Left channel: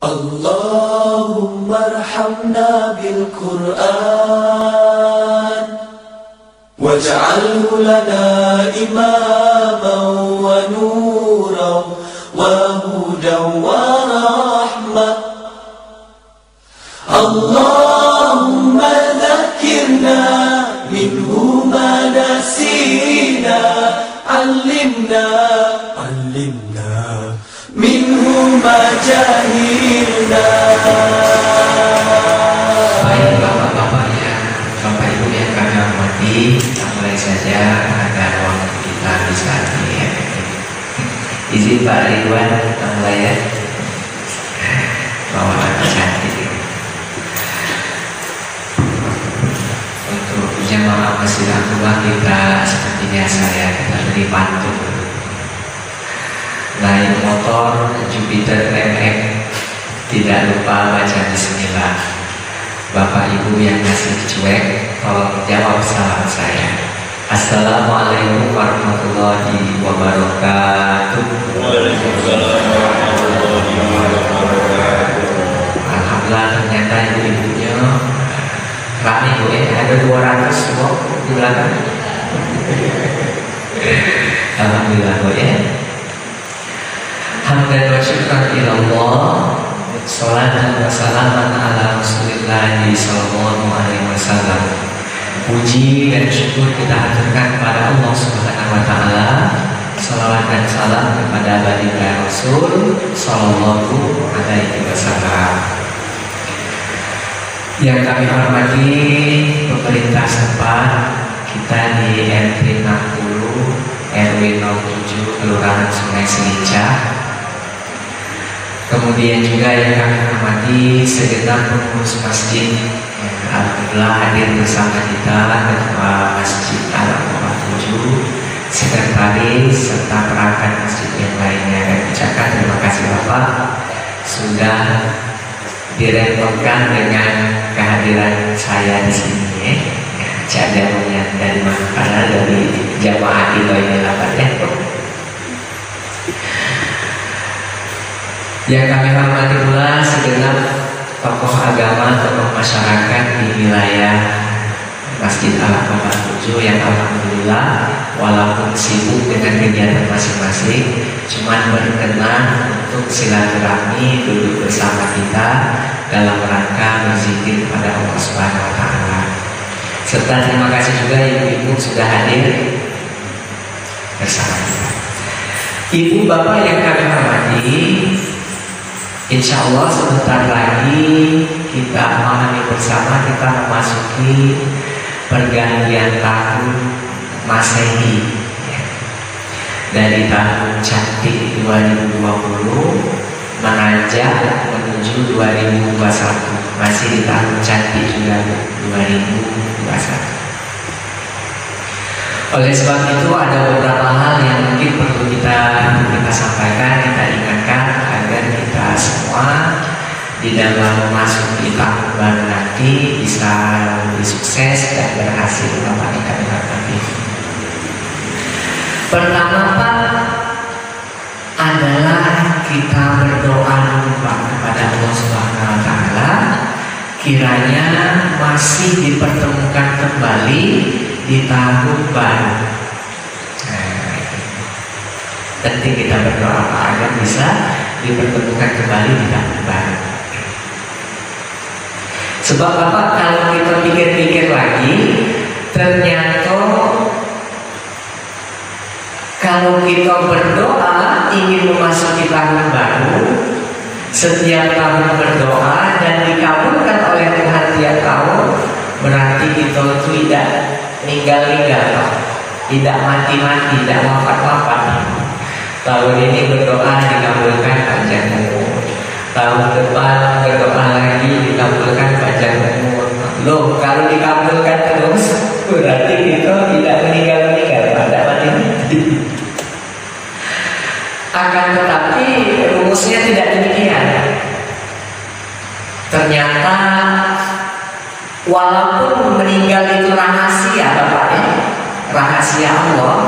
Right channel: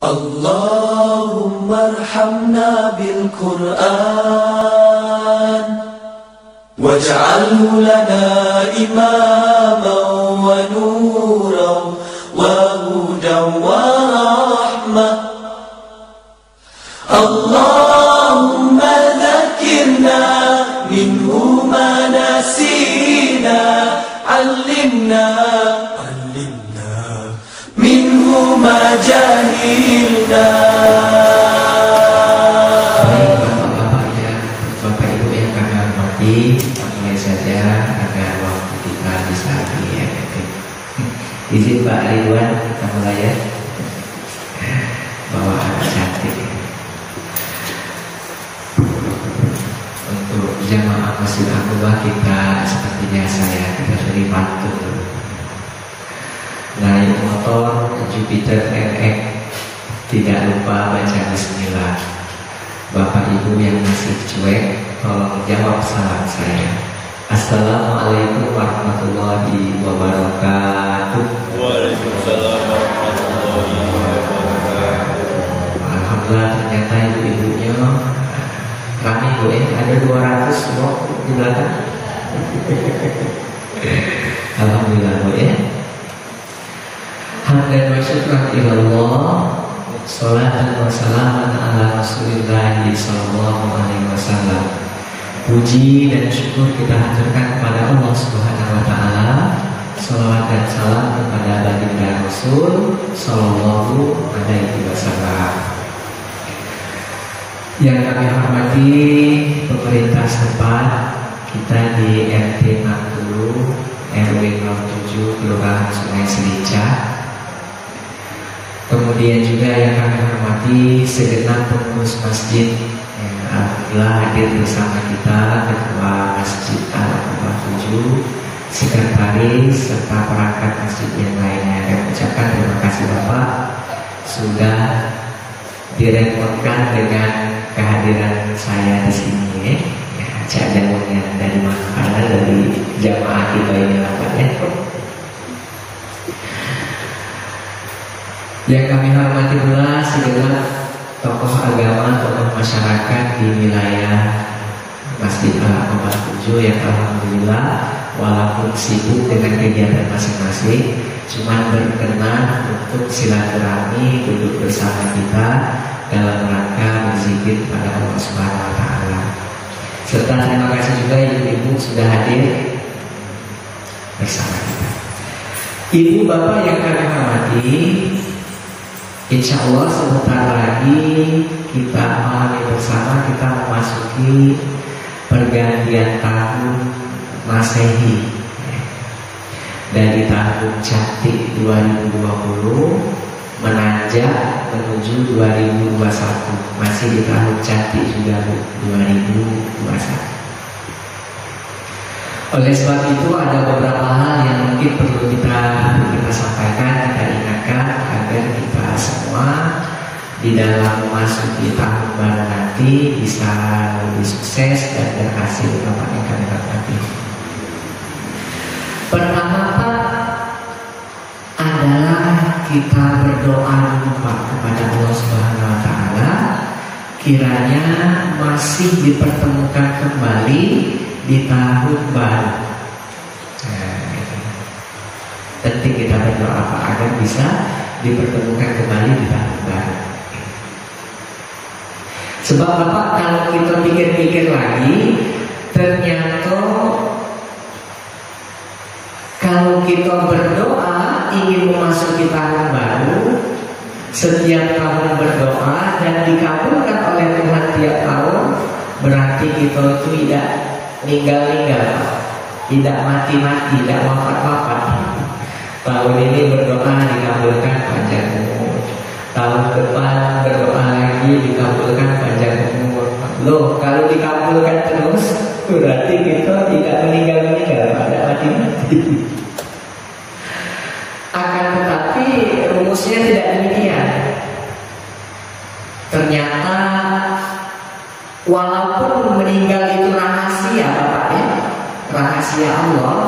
اللهم ارحمنا بالقرآن واجعله لنا إماما ونورا وهدى ورحمة. اللهم ذكرنا منه ما نسينا، علمنا منه ما جهلنا. Bapak Ibu yang kami hormati, mulai saja agar waktu kita bisa lebih efektif. Izin Pak Ridwan mulai ya. Bawa anak cantik. Untuk jemaah Masjid Al-Quba kita seperti biasa ya, kita beri pantun. Naik motor Jupiter MX, tidak lupa baca bismillah. Bapak Ibu yang masih cuek, tolong jawab salam saya. Assalamualaikum warahmatullahi wabarakatuh. Alhamdulillah, ternyata ibu-ibunya rame Bu ya, ada 200 semua di belakang. Alhamdulillah Bu ya. Hamdan wa syukran ilallah, salatan wa salaman ala Rasulillah sallallahu alaihi wasallam. Puji dan syukur kita haturkan kepada Allah Subhanahu wa taala. Salawat dan salam kepada baginda Rasul sallallahu alaihi wasallam. Yang kami hormati pemerintah setempat, kita di RT 60 RW 07 Kelurahan Sungai Selica. Kemudian juga yang kami hormati segenap pengurus masjid yang alhamdulillah hadir bersama kita, Ketua Masjid Al-Quran 7, sekretaris serta perangkat masjid yang lainnya. Dan ucapkan terima kasih Bapak sudah direpotkan dengan kehadiran saya di sini ya. Cak jamunya dari mana dari jamaah kita ini dapatnya. Yang kami hormati pula segenap tokoh agama, tokoh masyarakat di wilayah Masjid Al-Quba 7 yang alhamdulillah walaupun sibuk dengan kegiatan masing-masing, cuman berkenan untuk silaturahmi duduk bersama kita dalam rangka berzikir kepada Allah Subhanahu wa taala. Serta terima kasih juga ibu-ibu sudah hadir bersama kita. Ibu bapak yang kami hormati, insya Allah sebentar lagi kita memahami bersama, kita memasuki pergantian tahun Masehi dari tahun cantik 2020 menanjak menuju 2021, masih di tahun cantik juga 2021. Oleh sebab itu ada beberapa hal yang mungkin perlu kita sampaikan, kita ingatkan agar kita semua di dalam masuk di tahun baru nanti bisa lebih sukses dan berhasil. Bapak yang kami hormati, pertama Pak adalah kita berdoa dulu Pak kepada Allah Subhanahu wa taala, kiranya masih dipertemukan kembali di tahun baru. Penting kita berdoa Pak agar bisa dipertemukan kembali di tahun baru. Sebab Bapak kalau kita pikir-pikir lagi, ternyata kalau kita berdoa ingin memasuki tahun baru, setiap tahun berdoa dan dikabulkan oleh Tuhan tiap tahun, berarti kita itu tidak meninggal-ninggal, tidak mati-mati, tidak wafat-wafat. Tahun ini berdoa dikabulkan panjang umur, tahun depan berdoa lagi dikabulkan panjang umur. Loh, kalau dikabulkan terus berarti kita tidak meninggal-meninggal, tidak mati-mati. Akan tetapi rumusnya tidak demikian. Ternyata walaupun meninggal itu rahasia Bapak ya, rahasia Allah,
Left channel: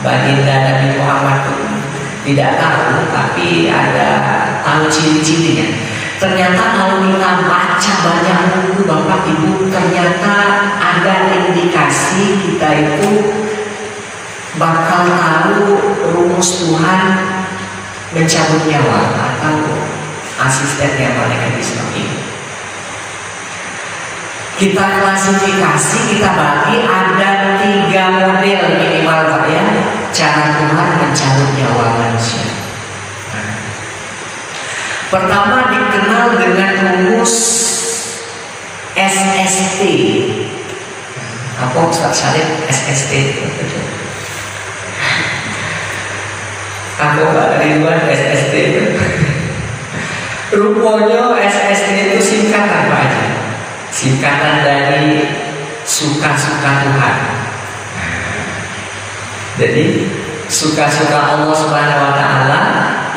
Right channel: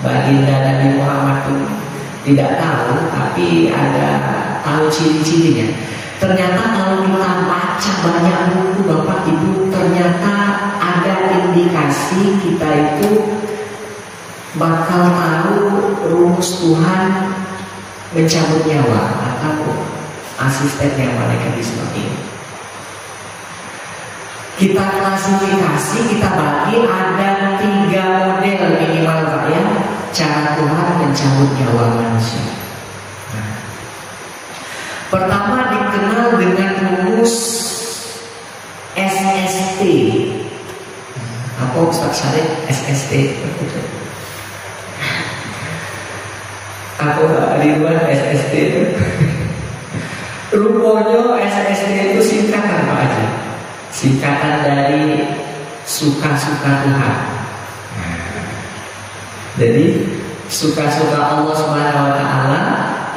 baginda Nabi Muhammad tidak tahu, tapi ada tahu ciri-cirinya. Ternyata kalau kita baca banyak buku Bapak Ibu, ternyata ada indikasi kita itu bakal tahu rumus Tuhan mencabut nyawa atau asistennya malaikat Israfil. Kita klasifikasi, kita bagi ada 3 model minimal Pak ya, cara Tuhan mencabut nyawa manusia. Pertama dikenal dengan rumus SST. Apa Ustaz Syarif SST? Aku Pak Ridwan SST. Rupanya SST itu singkatan Pak Haji. Singkatan dari suka-suka Tuhan. Jadi suka-suka Allah Subhanahu wa Ta'ala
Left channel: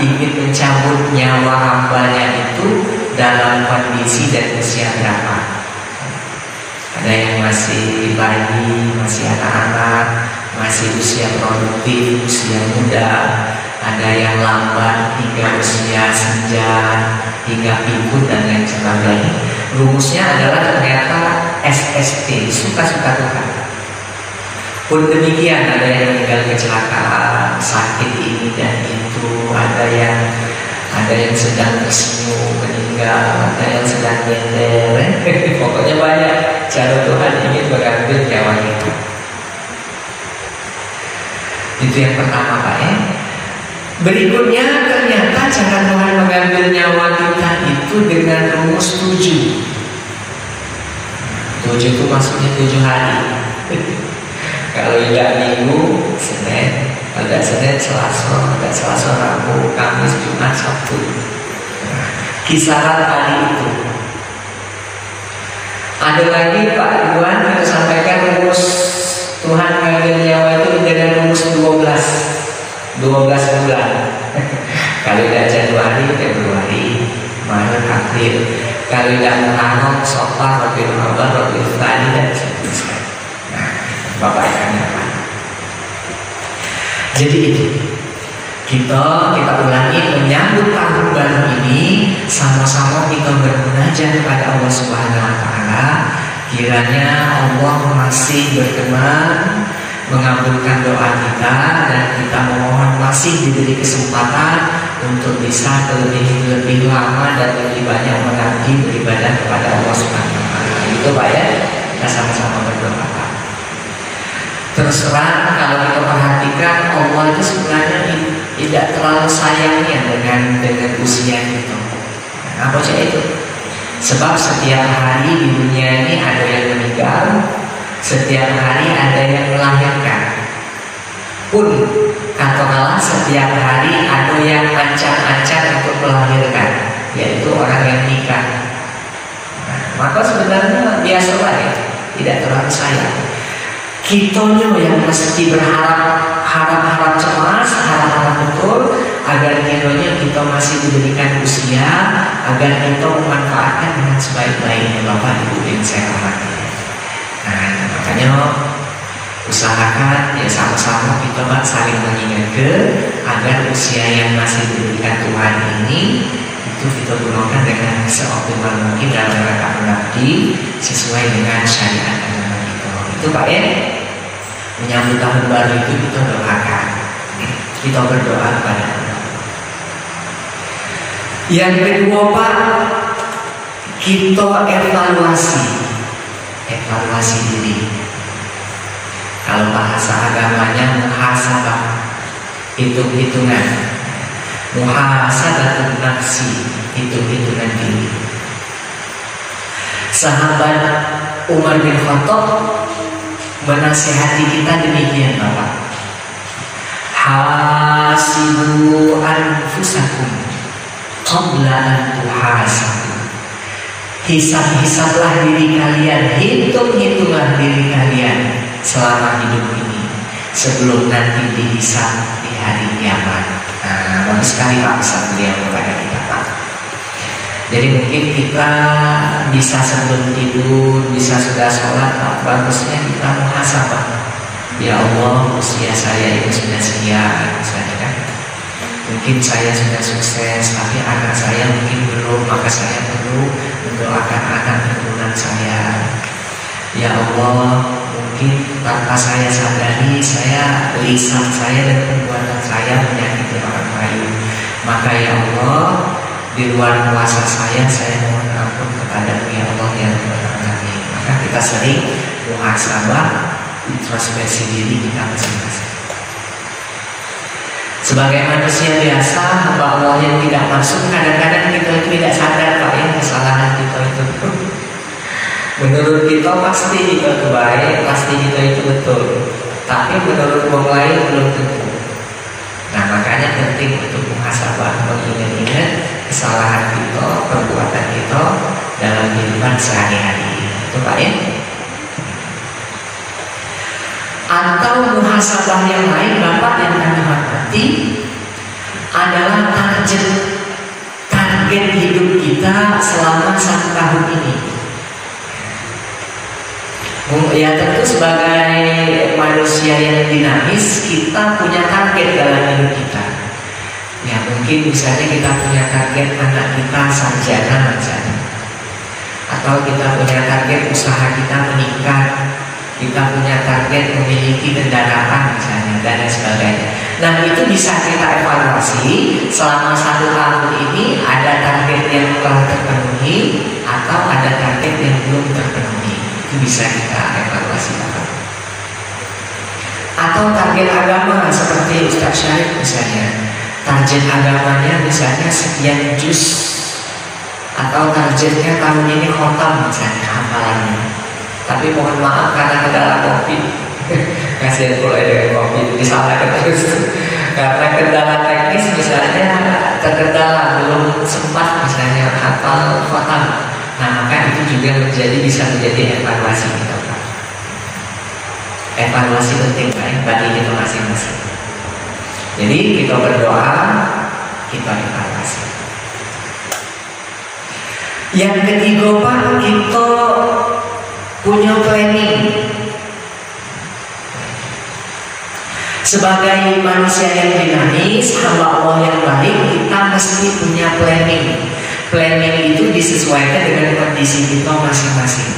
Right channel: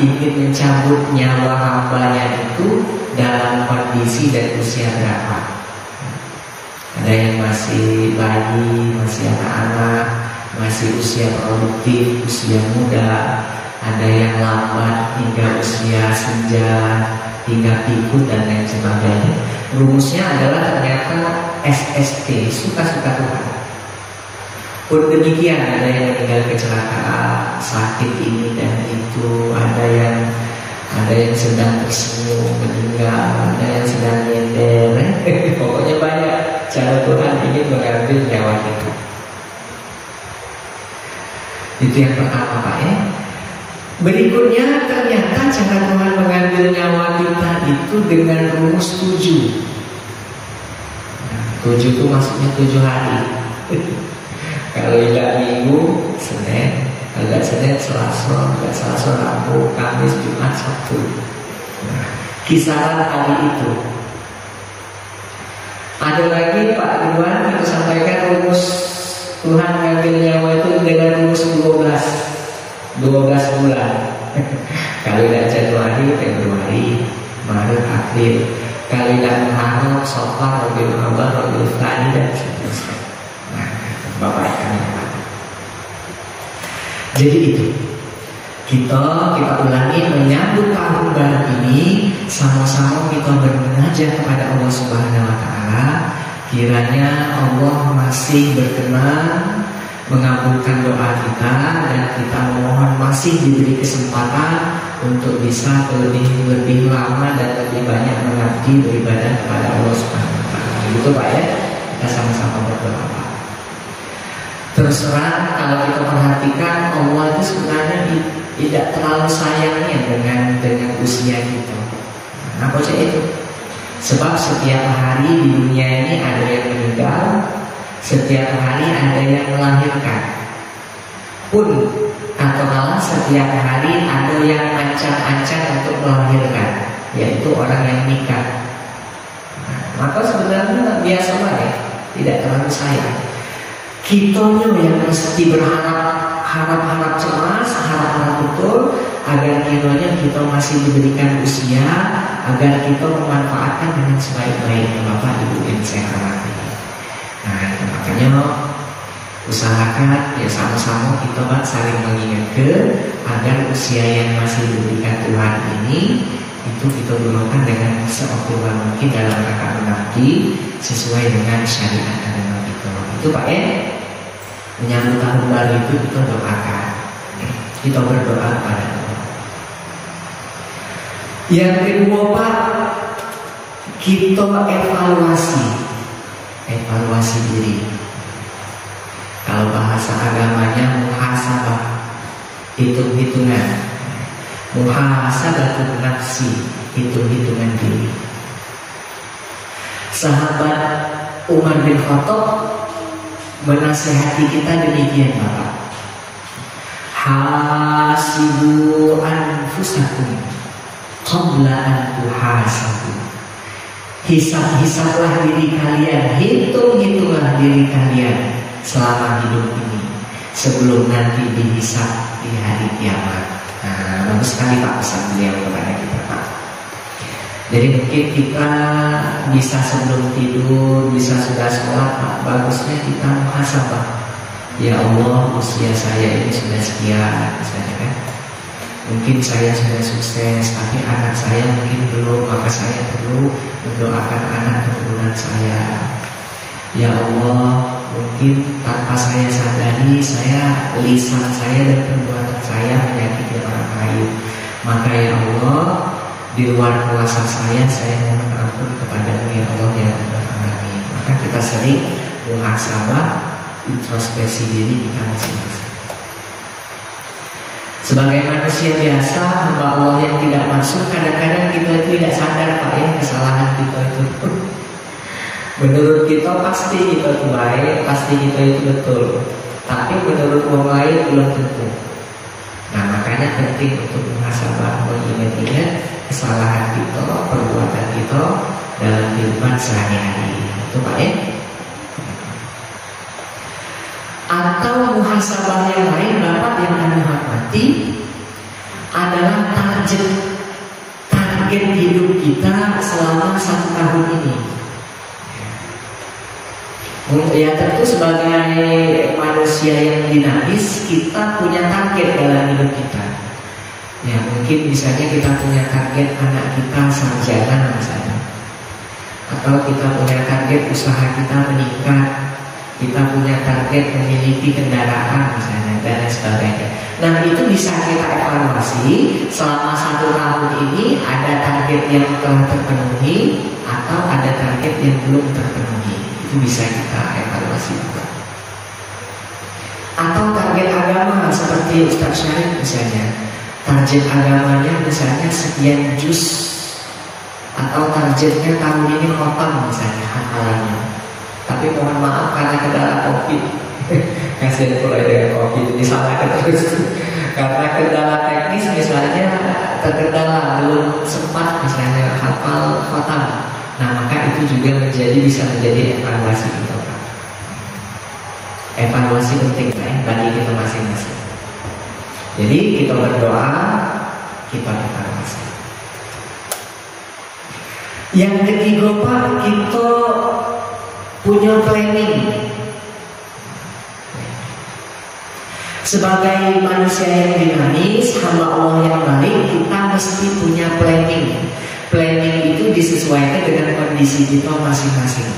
ingin mencabut nyawa hambanya itu dalam kondisi dan usia berapa. Ada yang masih bayi, masih anak-anak, masih usia produktif, usia muda. Ada yang lambat hingga usia senja, hingga pikun dan lain sebagainya. Rumusnya adalah ternyata SST, suka-suka Tuhan. Pun demikian ada yang meninggal kecelakaan, sakit ini dan itu, ada yang sedang tersenyum meninggal, ada yang sedang nyender. Pokoknya banyak cara Tuhan ingin mengambil nyawa kita. Itu yang pertama Pak ya. Berikutnya ternyata cara Tuhan mengambil nyawa kita itu dengan rumus 7. 7 itu maksudnya 7 hari. Kalau tidak Minggu, Senin, kalau tidak Senin, Selasa, Rabu, Kamis, Jumat, Sabtu. Kisaran hari itu. Ada lagi Pak Ridwan kita sampaikan rumus Tuhan mengambil nyawa itu dengan rumus 12 bulan. Kalau tidak Januari, Februari, Maret, April. Kalau tidak Muharram, Safar, Rabiul Awal, Rabiul Tsani dan seterusnya. Bapak yang apa? Jadi itu kita ulangi menyambut tahun baru ini, sama-sama kita bermunajat kepada Allah Subhanahu wa Ta'ala. Kiranya Allah masih berkenan mengabulkan doa kita dan kita mohon masih diberi kesempatan untuk bisa lebih lama dan lebih banyak mengabdi beribadah kepada Allah Subhanahu wa Ta'ala. Itu Pak ya, kita sama-sama berdoa. Terus terang kalau kita perhatikan Allah itu sebenarnya tidak terlalu sayangnya dengan usia kita. Apa sih itu? Sebab setiap hari di dunia ini ada yang meninggal, setiap hari ada yang melahirkan. Pun katakanlah setiap hari ada yang ancang-ancang untuk melahirkan, yaitu orang yang nikah. Maka sebenarnya biasalah ya, tidak terlalu sayang. Kita yang mesti harap cemas, harap betul agar kiranya kita masih diberikan usia, agar kita memanfaatkan dengan sebaik-baiknya Bapak Ibu yang saya hormati. Nah, makanya usahakan ya sama-sama kita saling mengingatkan agar usia yang masih diberikan Tuhan ini itu kita gunakan dengan seoptimal mungkin dalam rangka mengabdi sesuai dengan syariat agama kita. Itu Pak ya. Menyambut tahun baru itu kita doakan, kita berdoa kepada Allah. Yang kedua Pak, kita evaluasi diri. Kalau bahasa agamanya muhasabah, hitung-hitungan, muhasabatun nafsi, hitung-hitungan diri. Sahabat Umar bin Khattab menasihati kita demikian Bapak. Hasibu anfusakum qabla an tuhasabu. Hisab-hisablah diri kalian, hitung-hitunglah diri kalian selama hidup ini sebelum nanti dihisab di hari kiamat. Nah, bagus sekali Pak pesan beliau kepada kita Pak. Jadi mungkin kita bisa sebelum tidur, bisa sudah sholat, bagusnya kita muhasabah. Ya Allah, usia saya ini sudah sekian, misalnya kan. Mungkin saya sudah sukses, tapi anak saya mungkin belum, maka saya perlu mendoakan anak keturunan saya. Ya Allah, mungkin tanpa saya sadari, lisan saya dan perbuatan saya menyakiti orang lain. Maka ya Allah, di luar kuasa saya mohon ampun kepadamu ya Allah yang terhambat. Maka kita sering muhasabah, introspeksi diri kita masing-masing. Sebagai manusia biasa, hamba Allah yang tidak masuk, kadang-kadang kita itu tidak sadar Pak, ini kesalahan kita itu. Menurut kita pasti kita itu baik, pasti kita itu betul. Tapi menurut orang lain belum tentu. Nah makanya penting untuk muhasabah, mengingat-ingat kesalahan kita, perbuatan kita dalam kehidupan sehari-hari. Itu Pak ya. Atau muhasabah yang lain Bapak yang kami hormati adalah target hidup kita selama 1 tahun ini. Ya tentu sebagai manusia yang dinamis, kita punya target dalam hidup kita. Ya mungkin misalnya kita punya target anak kita sarjana misalnya, atau kita punya target usaha kita meningkat, kita punya target memiliki kendaraan misalnya dan sebagainya. Nah itu bisa kita evaluasi selama 1 tahun ini, ada target yang telah terpenuhi atau ada target yang belum terpenuhi. Itu bisa kita evaluasi. Atau target agama seperti Ustaz Syarif misalnya, target agamanya misalnya sekian juz, atau targetnya tahun ini khotam misalnya hafalannya. Tapi mohon maaf karena kendala COVID, kasih pula ada COVID disalahkan terus. Karena kendala teknis misalnya terkendala, belum sempat misalnya hafal khotam. Nah maka itu juga bisa menjadi evaluasi kita Pak. Evaluasi penting Pak bagi kita masing-masing. Jadi kita berdoa, kita evaluasi. Yang ketiga Pak, kita punya planning. Sebagai manusia yang dinamis, hamba Allah yang baik, kita mesti punya planning. Planning itu disesuaikan dengan kondisi kita masing-masing.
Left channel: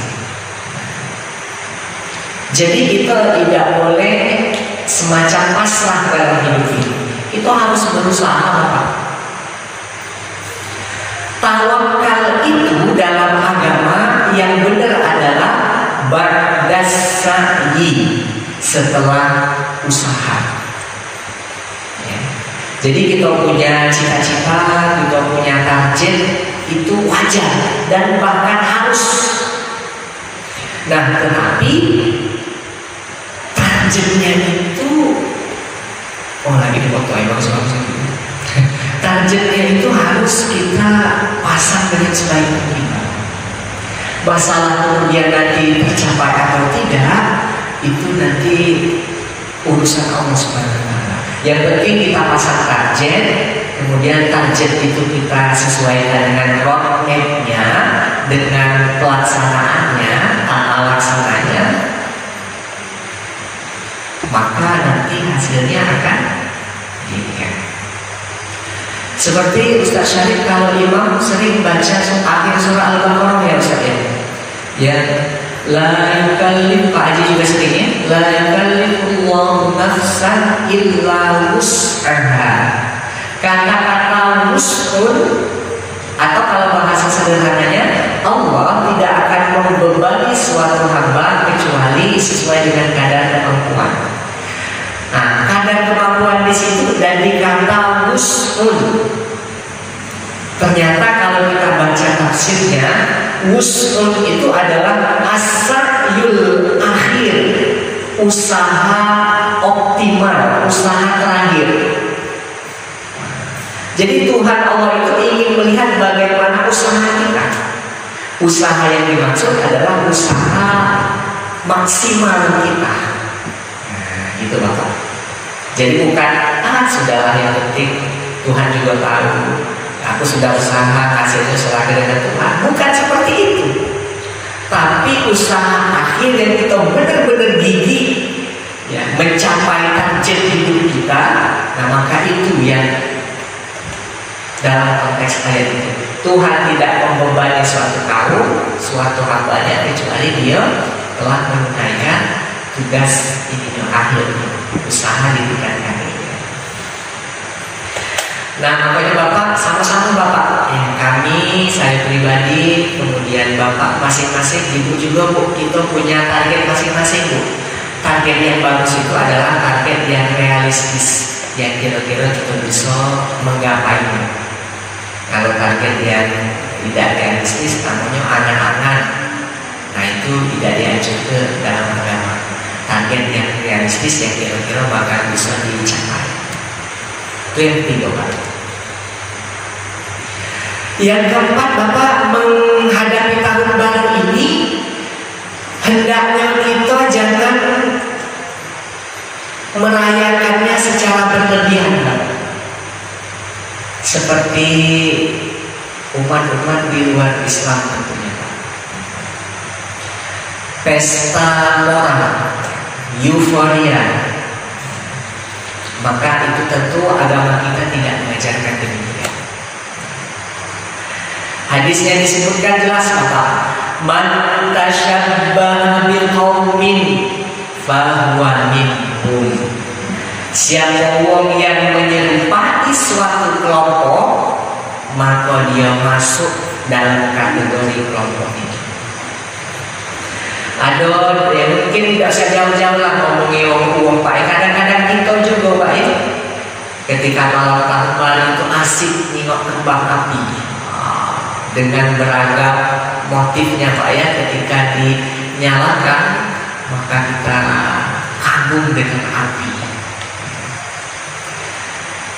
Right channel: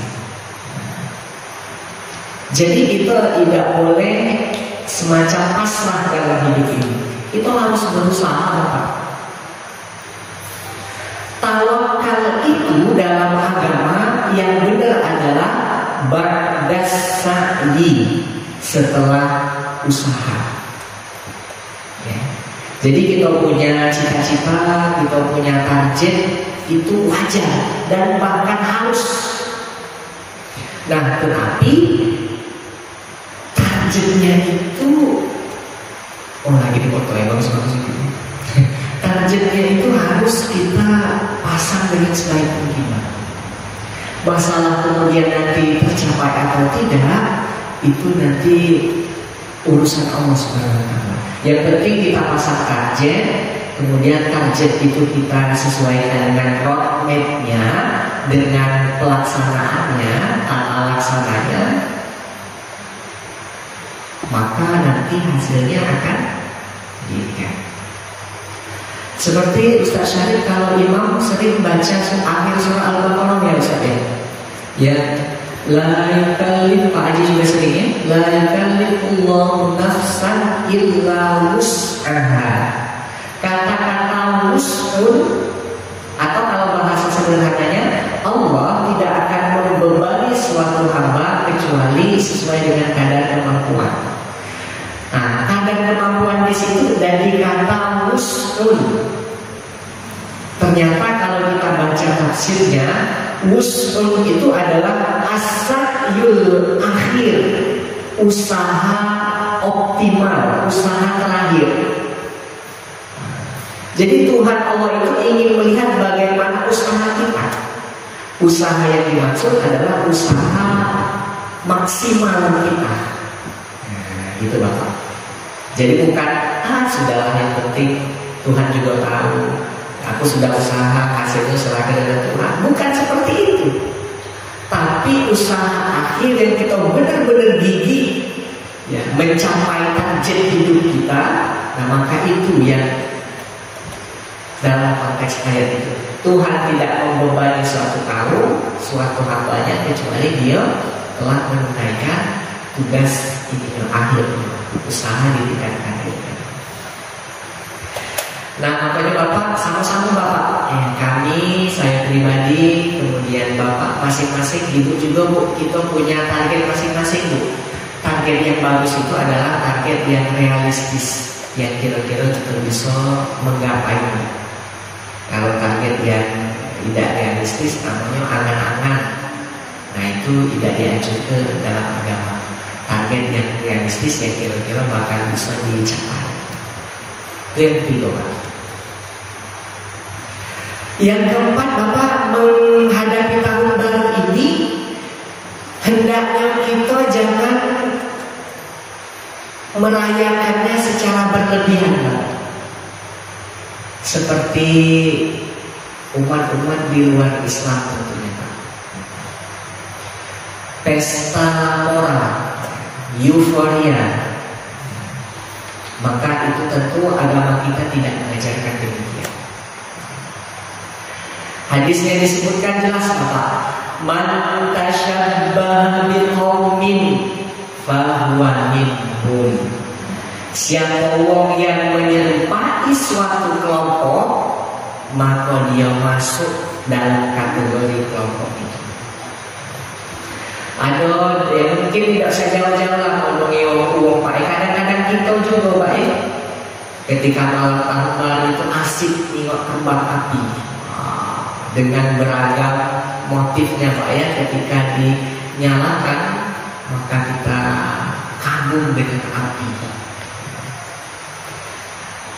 Jadi kita tidak boleh semacam pasrah dalam hidup ini. Kita harus berusaha Pak. Tawakal itu dalam agama yang benar adalah ba'das sa'i, setelah usaha. Ya. Jadi kita punya cita-cita, kita punya target, itu wajar dan bahkan harus. Nah tetapi targetnya itu lagi dipotoin targetnya itu harus kita pasang dengan sebaik mungkin. Masalah kemudian nanti tercapai atau tidak, itu nanti urusan Allah Subhanahu wa Ta'ala. Yang penting kita pasang target, kemudian target itu kita sesuaikan dengan roadmap-nya, dengan pelaksanaannya, tata laksananya, maka nanti hasilnya akan diingat. Seperti Ustaz Syarif kalau imam sering baca akhir surah Al-Baqarah ya Ustaz ya. Ya, la yukallif, Pak Haji juga sering ya, la yukallifullahu nafsan illa wus'aha. Kata-kata wus'un, atau kalau bahasa sederhananya, Allah tidak akan membebani suatu hamba kecuali sesuai dengan kadar kemampuan. Nah, kadar kemampuan di situ dari kata wus'un. Ternyata kalau kita baca tafsirnya, wus'un itu adalah as-sa'yul akhir, usaha optimal, usaha terakhir. Jadi Tuhan Allah itu ingin melihat bagaimana usaha kita. Usaha yang dimaksud adalah usaha maksimal kita. Nah, gitu Bapak. Jadi bukan sudahlah yang penting Tuhan juga tahu. Aku sudah usaha, hasilnya serahkan dengan Tuhan. Bukan seperti itu. Tapi usaha akhir yang kita benar-benar gigih ya, mencapai target hidup kita. Nah maka itu yang konteks ayat itu. Tuhan tidak membebani suatu kaum, suatu hambanya, kecuali dia telah menunaikan tugas ini akhir usaha ditingkatkan. Nah, makanya Bapak sama-sama Bapak, ya, kami, saya pribadi, kemudian Bapak masing-masing, Ibu juga Bu, kita punya target masing-masing Bu. Target yang bagus itu adalah target yang realistis, yang kira-kira kita bisa menggapainya. Kalau target yang tidak realistis, namanya angan-angan, nah itu tidak diajukan dalam agama. Target yang realistis yang kira-kira bakal bisa dicapai. Itu yang ketiga Pak. Yang keempat Bapak, menghadapi tahun baru ini hendaknya kita jangan merayakannya secara berlebihan seperti umat-umat di luar Islam tentunya. Pesta orang, euforia, maka itu tentu agama kita tidak mengajarkan demikian. Hadisnya disebutkan jelas Bapak, man tasyabbaha biqaumin fahuwa minhum. Siapa wong yang menyerupai suatu kelompok, maka dia masuk dalam kategori kelompok itu. Aduh, ya mungkin tidak usah jauh-jauh lah ngomongin uang Pak. Kadang-kadang kita juga Pak, ketika malam tahun itu asik nengok kembang api dengan beragam motifnya Pak ya. Ketika dinyalakan, maka kita kagum dengan api.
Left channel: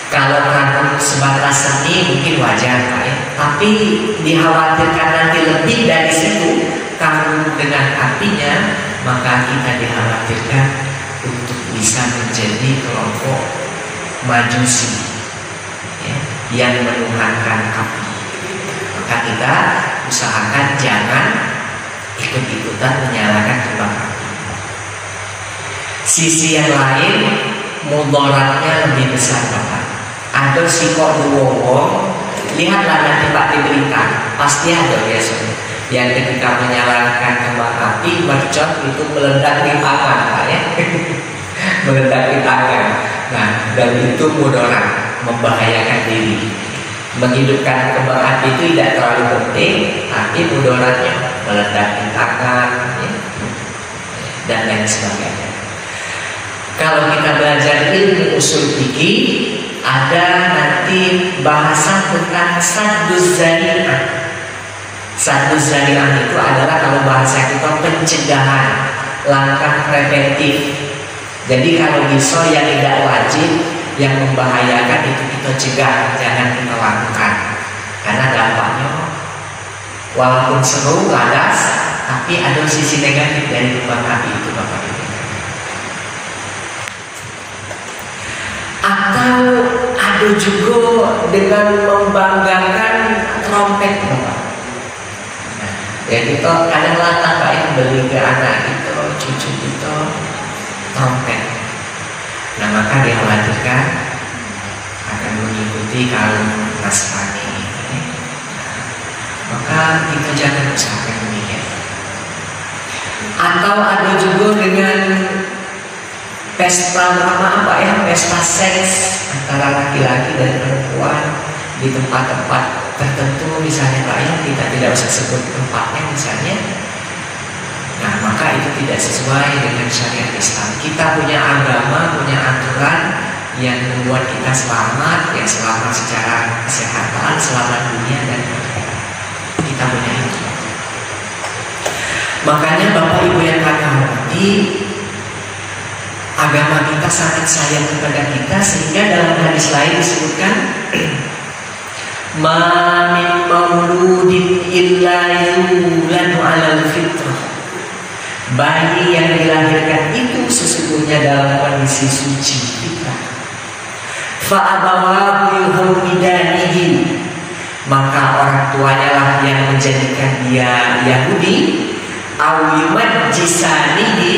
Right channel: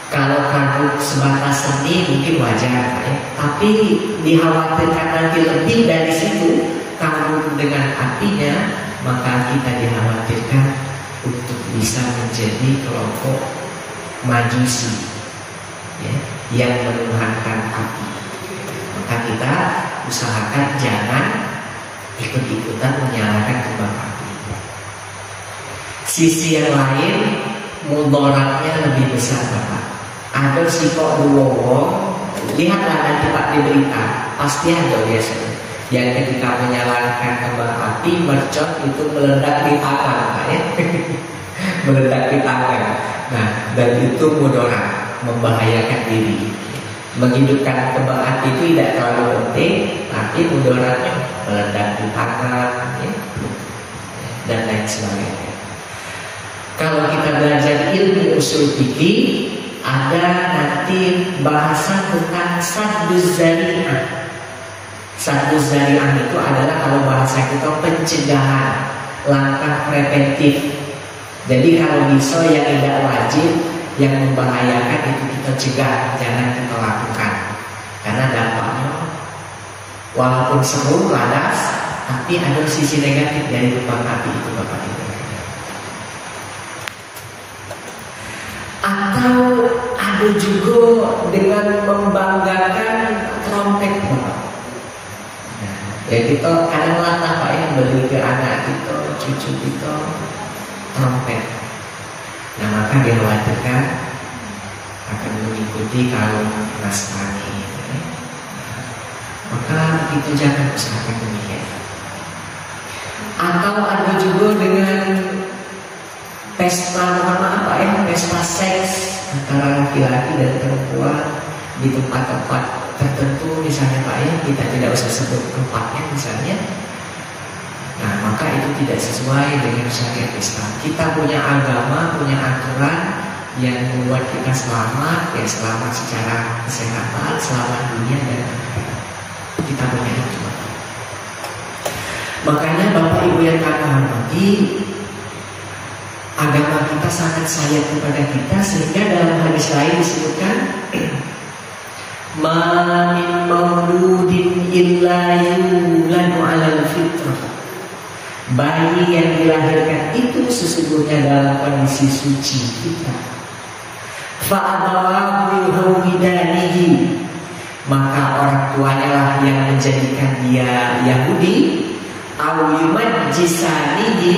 Kalau kagum sebatas seni mungkin wajar Pak ya. Tapi dikhawatirkan nanti lebih dari situ, kagum dengan apinya, maka kita dikhawatirkan untuk bisa menjadi kelompok majusi ya, yang menuhankan api. Maka kita usahakan jangan ikut-ikutan menyalakan kembang api. Sisi yang lain, mudaratnya lebih besar Bapak. Ada sikok wong, lihatlah nanti Pak di berita, pasti ada biasanya yang ketika menyalakan kembang api mercon itu meledak di tangan Pak ya. Meledak di tangan. Nah, dan itu mudarat, membahayakan diri. Menghidupkan kembang api itu tidak terlalu penting, tapi mudaratnya meledak di tangan ya, dan lain sebagainya. Kalau kita belajar ilmu usul fikih, ada nanti bahasan tentang sadduz zari'ah. Sadduz zari'ah itu adalah kalau bahasa kita pencegahan, langkah preventif. Jadi kalau bisa yang tidak wajib, yang membahayakan itu kita cegah, jangan kita lakukan. Karena dampaknya walaupun seru, laras, tapi ada sisi negatif dari kembang api itu Bapak. Atau ada juga dengan membanggakan trompet Bapak. Ya kita kadang-kadang Pak yang beli ke anak kita, cucu kita trompet. Nah maka dikhawatirkan akan mengikuti kaum Nasrani ini. Maka kita jangan usahakan demikian. Atau ada juga dengan pesta apa ya, pesta seks antara laki-laki dan perempuan di tempat-tempat tertentu misalnya Pak ya, kita tidak usah sebut tempatnya misalnya. Nah maka itu tidak sesuai dengan syariat Islam. Kita punya agama, punya aturan yang membuat kita selamat, ya selamat secara kesehatan, selamat dunia dan akhirat. Kita punya itu. Makanya Bapak Ibu yang kami hormati, agama kita sangat sayang kepada kita, sehingga dalam hadis lain disebutkan ma min mauludin illa yuladu 'alal fitrah. Bayi yang dilahirkan itu sesungguhnya dalam kondisi suci fitrah. Fa abawahu yuhawidanihi, maka orang tuanya lah yang menjadikan dia Yahudi, aw yumajjisanihi,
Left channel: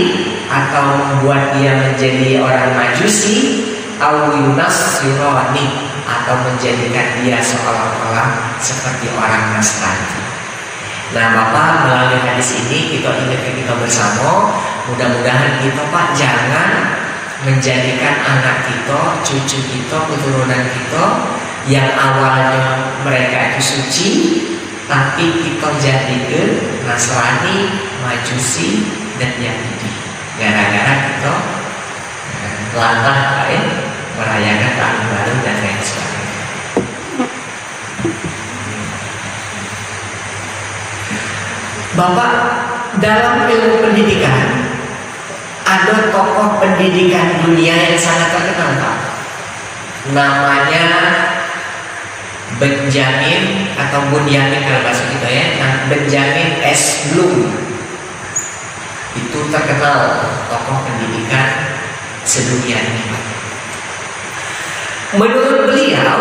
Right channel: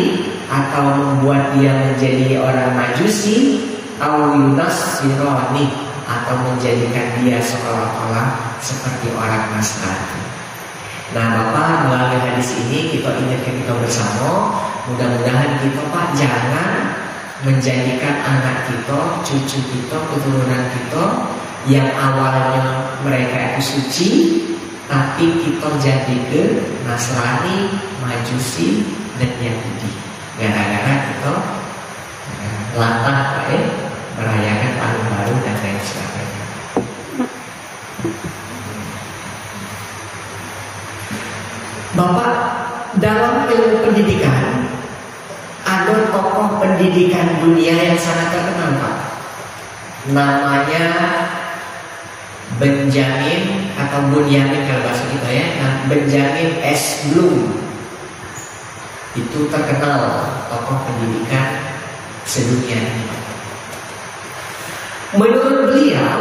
atau membuat dia menjadi orang Majusi, Awinas Yunani, atau menjadikan dia seolah-olah seperti orang Nasrani. Nah Bapak, melalui hadis ini kita ingatkan kita bersama, mudah-mudahan kita Pak jangan menjadikan anak kita, cucu kita, keturunan kita yang awalnya mereka itu suci, tapi kita jadikan Nasrani, Majusi, dan Yahudi. Gara-gara kita latah merayakan tahun baru dan lain sebagainya. Bapak, dalam ilmu pendidikan ada tokoh pendidikan dunia yang sangat terkenal Pak. Namanya Benjamin atau Bunyamin kalau bahasa kita ya. Nah, Benjamin S. Bloom itu terkenal tokoh pendidikan sedunia ini Pak. Menurut beliau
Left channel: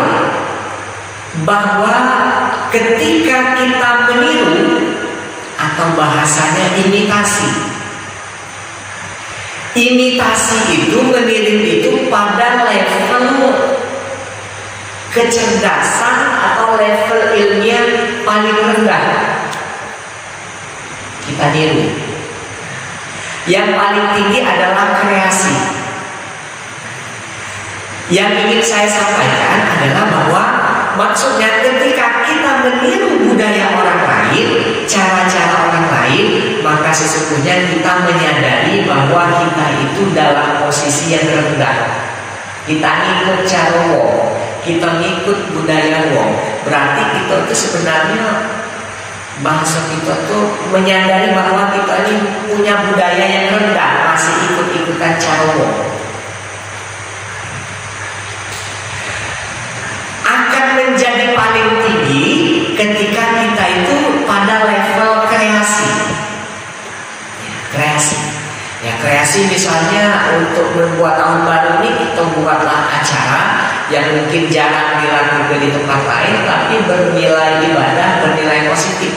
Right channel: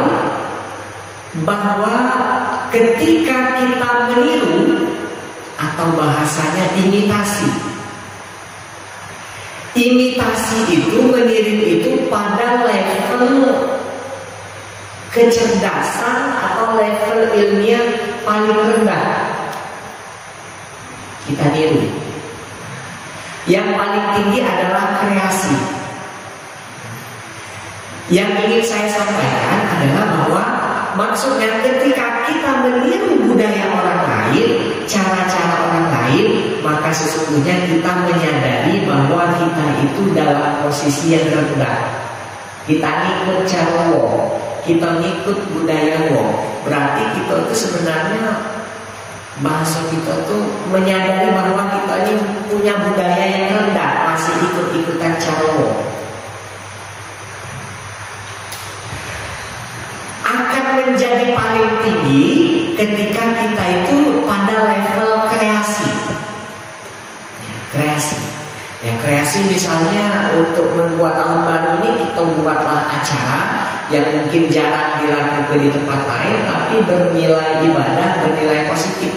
bahwa ketika kita meniru atau bahasanya imitasi itu meniru itu pada level kecerdasan atau level ilmiah paling rendah kita niru. Yang paling tinggi adalah kreasi. Yang ingin saya sampaikan adalah bahwa maksudnya ketika kita meniru budaya orang lain, cara-cara orang lain, maka sesungguhnya kita menyadari bahwa kita itu dalam posisi yang rendah. Kita ngikut cara wong, kita ngikut budaya wong. Berarti kita itu sebenarnya bangsa kita itu menyadari bahwa kita ini punya budaya yang rendah, masih ikut-ikutan cara wong. Menjadi paling tinggi ketika kita itu pada level kreasi. Kreasi misalnya untuk membuat tahun baru ini kita buatlah acara yang mungkin jarang dilakukan di tempat lain, tapi bernilai ibadah, bernilai positif.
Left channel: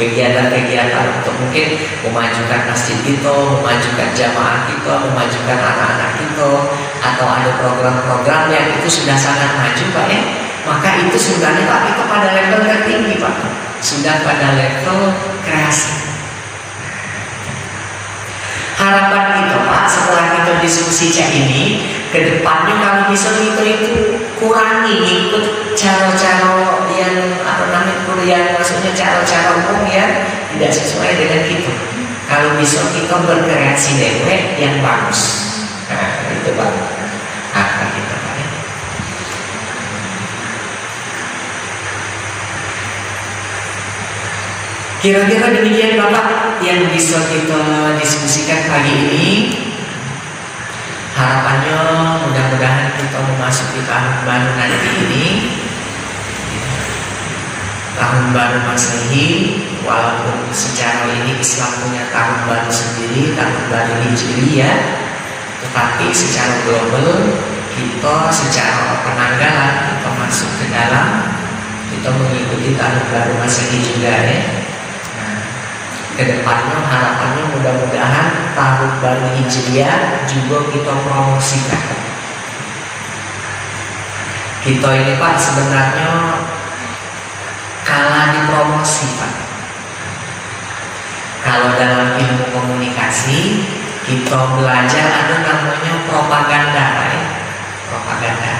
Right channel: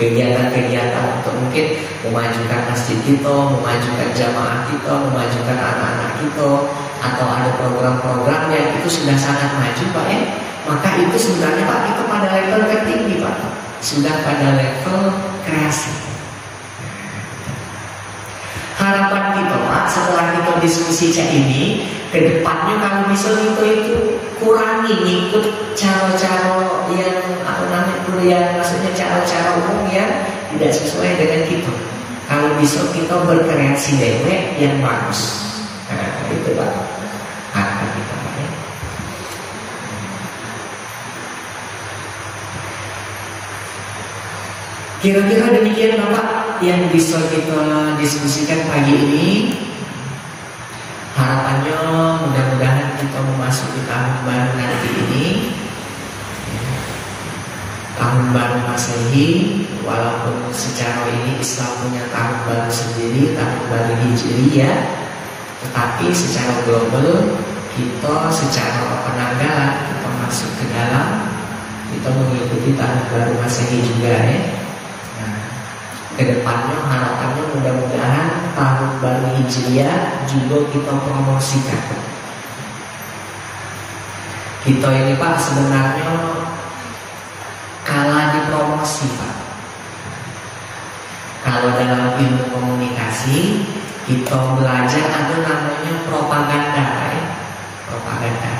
Kegiatan-kegiatan untuk mungkin memajukan masjid kita, memajukan jamaah kita, memajukan anak-anak kita, atau ada program-program yang itu sudah sangat maju Pak ya, maka itu sebenarnya Pak itu pada level tertinggi Pak, sudah pada level kreasi. Harapan kita Pak setelah kita diskusi cak ini, kedepannya kalau bisa kita itu kurangi ikut cara-cara yang yang maksudnya cara-cara umum yang tidak sesuai dengan itu. Kalau bisa kita berkreasi dewe yang bagus. Nah, itu Pak. Gitu Pak ya. Kira-kira demikian Bapak yang bisa kita diskusikan pagi ini. Harapannya mudah-mudahan kita memasuki tahun baru nanti ini, tahun baru Masehi, walaupun secara ini Islam punya tahun baru sendiri, tahun baru Hijri ya, tetapi secara global kita secara penanggalan kita masuk ke dalam, kita mengikuti tahun baru Masehi juga ya. Nah, kedepannya harapannya mudah-mudahan tahun baru Hijriah juga kita promosikan. Kita ini Pak sebenarnya kalah di promosi Pak. Kalau dalam ilmu komunikasi kita belajar ada namanya propaganda Pak ya. Propaganda.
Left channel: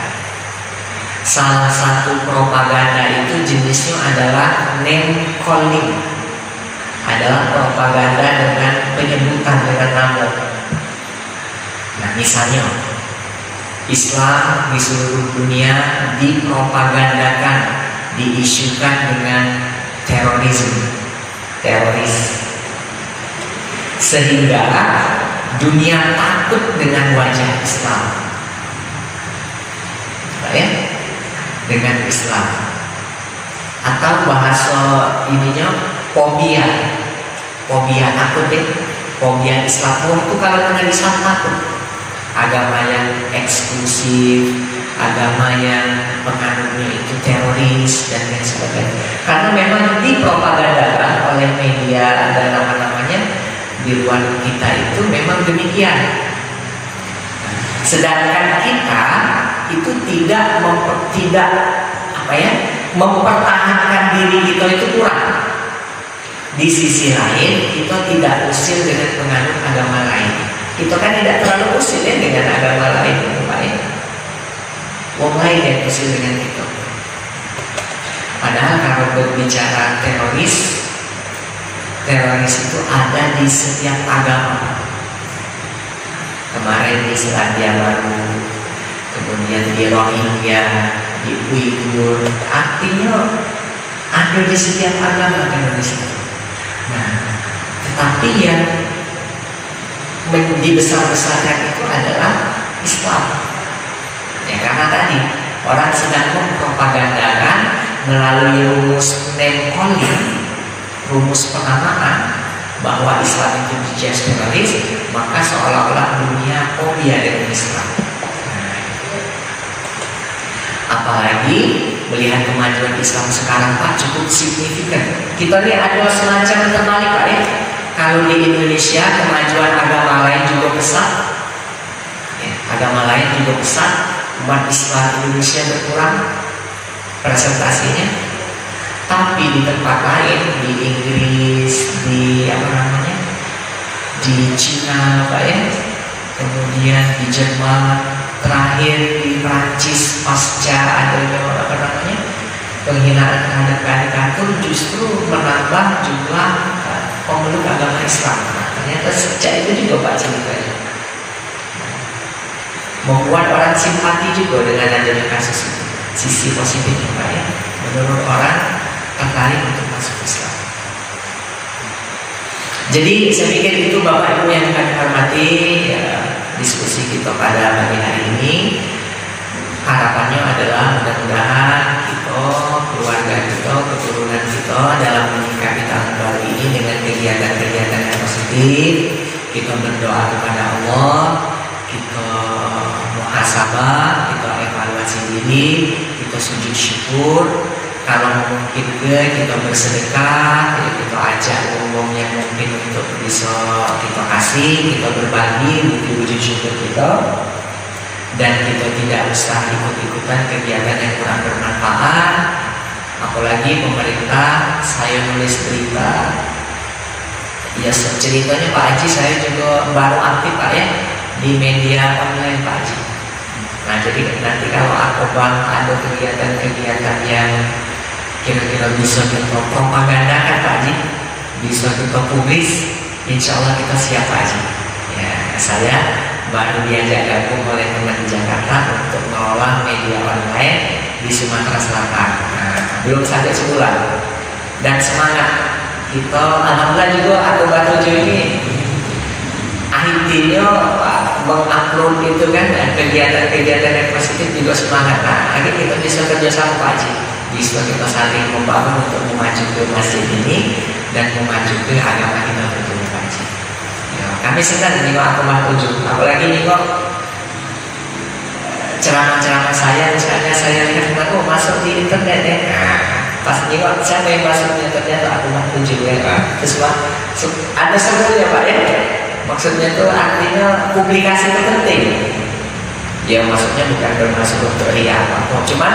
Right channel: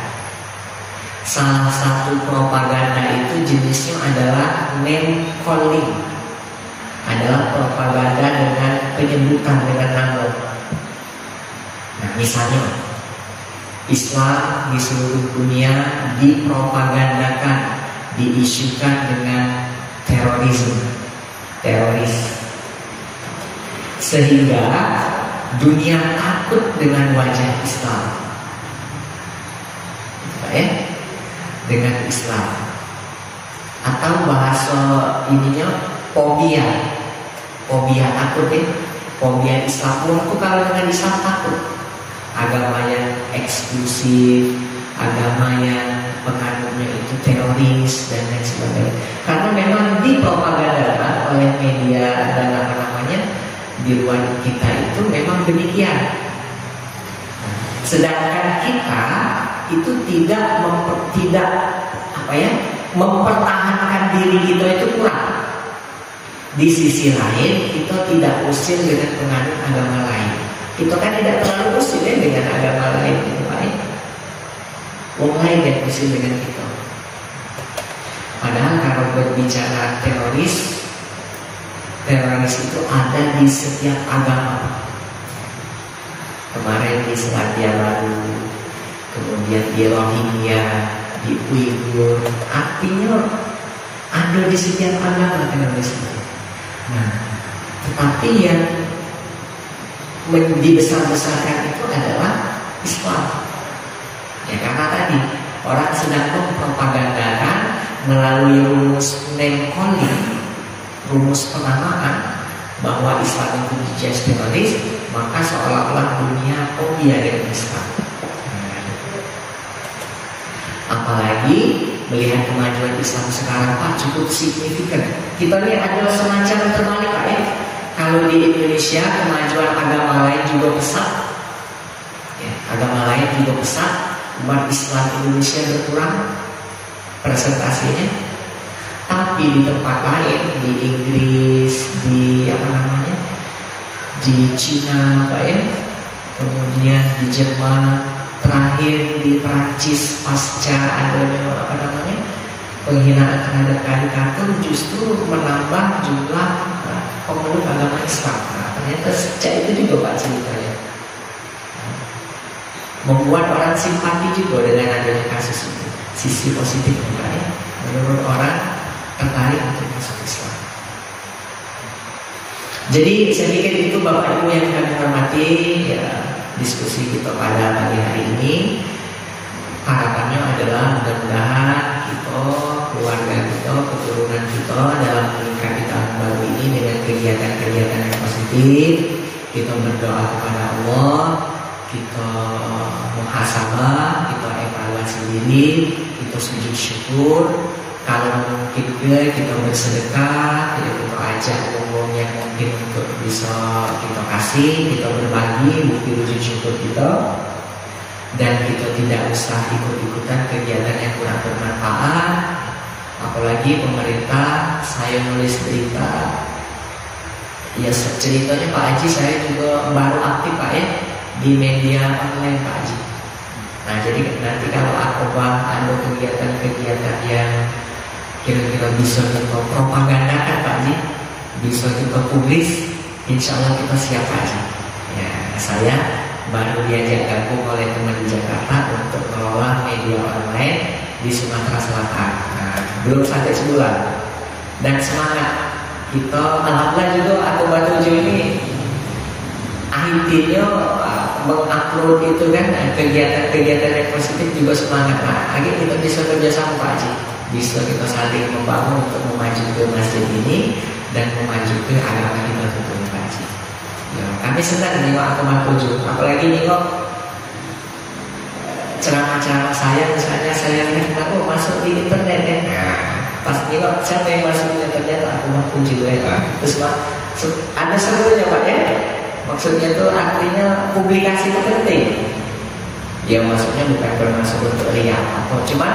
Salah satu propaganda itu jenisnya adalah name calling. Adalah propaganda dengan penyebutan dengan nama. Nah misalnya Islam di seluruh dunia dipropagandakan, diisukan dengan teroris, sehingga dunia takut dengan wajah Islam, ya, dengan Islam, atau bahasa ininya fobia takut ya, fobia Islam. Waktu kalau dengan Islam takut, agama yang eksklusif, agama yang penganutnya itu teroris dan lain sebagainya. Karena memang dipropagandakan oleh media dan apa namanya di luar kita itu memang demikian. Nah, Sedangkan kita itu tidak mempertahankan diri kita itu kurang. Di sisi lain kita tidak usil dengan penganut agama lain. Kita kan tidak terlalu usil ya dengan agama lain, Pak ya. Wong lain yang usil dengan kita. Padahal kalau berbicara teroris itu ada di setiap agama. Kemarin di Selandia Baru, kemudian di Rohingya, di Uighur, artinya ada di setiap agama teroris. Nah, tetapi yang dibesar-besarkan itu adalah Islam. Ya, karena tadi orang sedang mempropagandakan melalui rumus name-calling, rumus penamaan bahwa Islam itu dijudge teroris, maka seolah-olah dunia fobia dengan Islam. Apalagi melihat kemajuan Islam sekarang Pak cukup signifikan. Kita lihat ada semacam terbalik Pak ya. Kalau di Indonesia kemajuan agama lain juga pesat, ya, agama lain juga pesat, umat Islam Indonesia berkurang presentasinya. Tapi di tempat lain, di Inggris, di di Cina Pak ya, kemudian di Jerman, terakhir di Prancis pasca adanya penghinaan terhadap karikatur justru menambah jumlah pemeluk agama Islam. Ternyata sejak itu juga Pak ceritanya membuat orang simpati juga dengan adanya kasus itu. Sisi positif Pak ya, menurut orang tertarik untuk masuk Islam. Jadi saya pikir itu Bapak Ibu yang kami hormati ya, diskusi kita pada pagi hari ini. Harapannya adalah mudah-mudahan kita, keluarga kita, keturunan kita dalam menyikapi tahun baru ini dengan kegiatan-kegiatan yang positif. Kita berdoa kepada Allah, kita muhasabah, kita evaluasi diri, kita sujud syukur. Kalau mungkin kita bersedekah, ya kita ajak umum yang mungkin untuk bisa kita kasih, kita berbagi bukti wujud syukur kita. Dan kita tidak usah ikut-ikutan kegiatan yang kurang bermanfaat. Apalagi pemerintah, saya nulis berita, ya ceritanya Pak Haji saya juga baru aktif Pak ya di media online Pak Haji. Nah jadi nanti kalau aku ada kegiatan-kegiatan yang kira-kira bisa kita propagandakan Pak Haji, bisa kita publis, insya Allah kita siap Pak Haji. Ya saya baru diajak gabung oleh teman di Jakarta untuk mengelola media online di Sumatera Selatan. Nah, belum sampai sebulan dan semangat kita alhamdulillah juga ada 7 ini akhirnya mengupload itu kan kegiatan-kegiatan yang positif juga semangat. Nah, akhirnya kita bisa kerjasama Pak Haji, bisa kita saling membangun untuk memajukan masjid ini dan memajukan agama kita tentunya Pak Haji. Kami senang menerima akun 7, apalagi ini kok ceramah-ceramah saya, misalnya saya lihat aku masuk di internet ya. Pas ini kok siapa yang masuknya ternyata akun 7 ya. Terus Pak, ada serunya Pak ya. Maksudnya itu artinya publikasi itu penting. Ya maksudnya bukan bermaksud untuk apa, cuma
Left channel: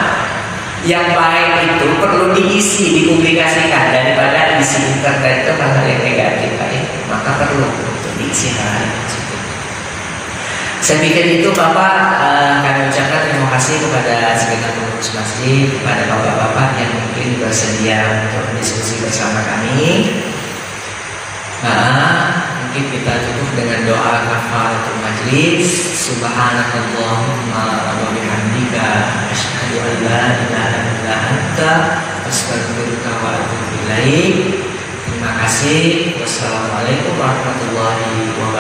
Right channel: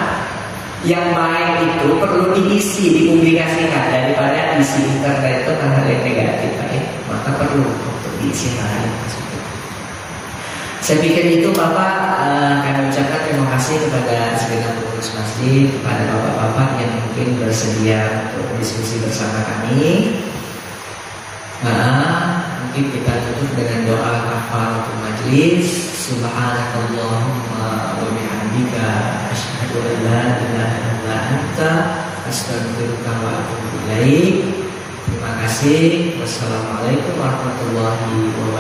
yang baik itu perlu diisi, dipublikasikan daripada isi internet itu hal yang negatif Pak ya. Maka perlu diisi hal. Saya pikir itu Bapak, kami ucapkan terima kasih kepada segenap pengurus masjid, kepada bapak-bapak yang mungkin bersedia untuk berdiskusi bersama kami. Nah, mungkin kita tutup dengan doa kafaratul majlis. Subhanakallahumma wa bihamdika asyhadu an la ilaha illa anta astaghfiruka wa atubu ilaik. Terima kasih. Wassalamualaikum warahmatullahi wabarakatuh.